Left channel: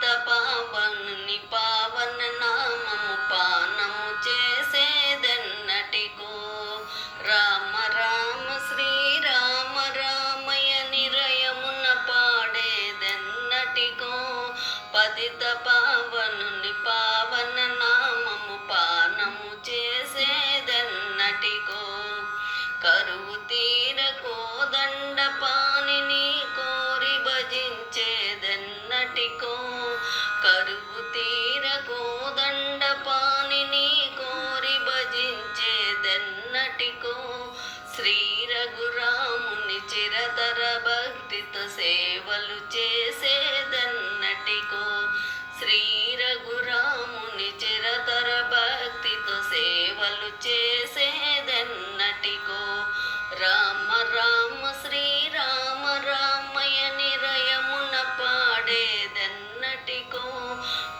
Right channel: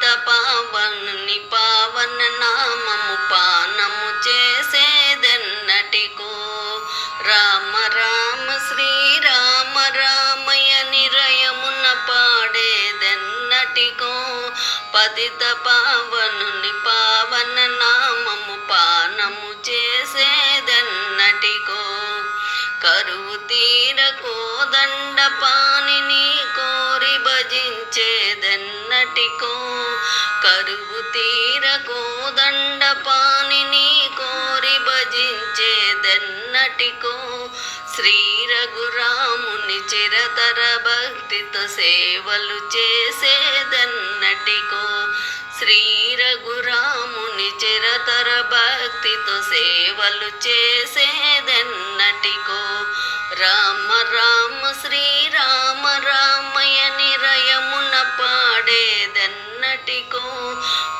పతిత పావనుని పావన నామము పానము చేసేదెన్నటికో. రామ రామ శ్రీరామ రామయ నిరయమున పాడేదెన్నటికో. పతిత పావనుని పావన నామము పానము చేసేదెన్నటికో. కరువు తీర కోదండ పాణిని కోరి భజించేదెన్నటికో. కరువు తీర కోదండ పాణిని కోరి భజించేదెన్నటికో. శ్రీ రఘురాముని చిరతర భక్తితో సేవలు చేసేదెన్నటికో. శ్రీ రఘురాముని చిరతర భక్తితో సేవలు చేసేదెన్నటికో. రామ రామ శ్రీరామ రామయ నిరయమున పాడేదెన్నటికో.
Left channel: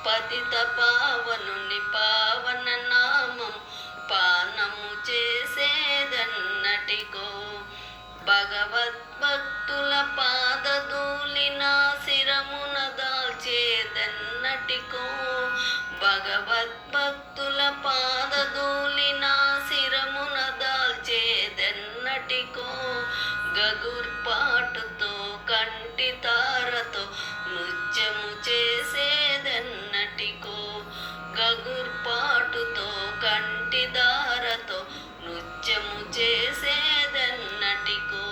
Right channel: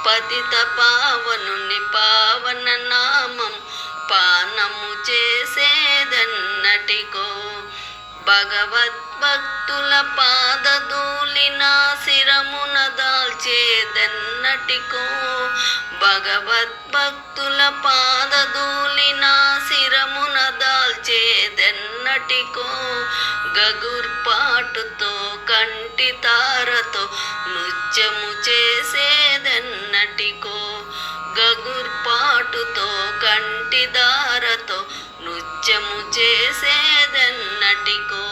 పతిత పావనుని పావన నామం పానము చేసేదెన్నటికో. భగవద్భక్తుల పాదధూళిన శిరమున దాల్చేదెన్నటికో. భగవద్భక్తుల పాదధూళిన శిరమున దాల్చేదెన్నటికో. గగుర్పాటుతో కంటి తారతో నృత్యము చేసేదెన్నటికో. గగుర్పాటుతో కంటి దారతో నృత్యము చేసేదెన్నటికో.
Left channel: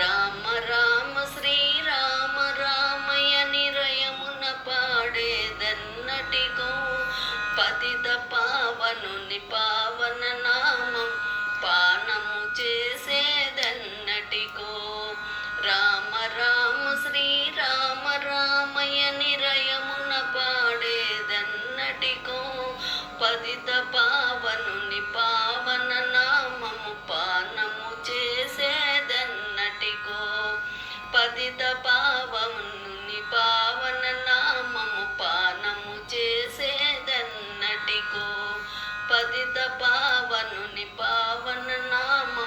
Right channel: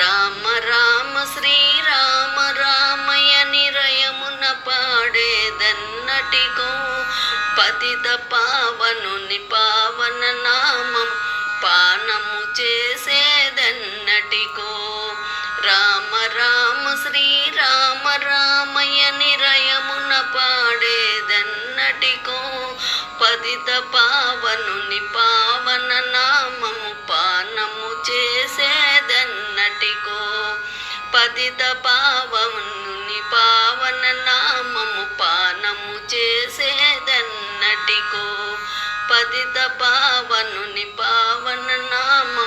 రామ రామ శ్రీరామ రామయ నిరయమున పాడేదెన్నటికో. పతిత పావనుని పావన నామం పానము చేసేదెన్నటికో. రామ రామ శ్రీరామ రామయ నిరయమున పాడేదెన్నటికో. పతిత పావనుని పావన నామము పానము చేసేదెన్నటికో. పతిత పావనుని పావన నామము పానము చేసేదెన్నటికో. పతిత పావనుని పావన నామము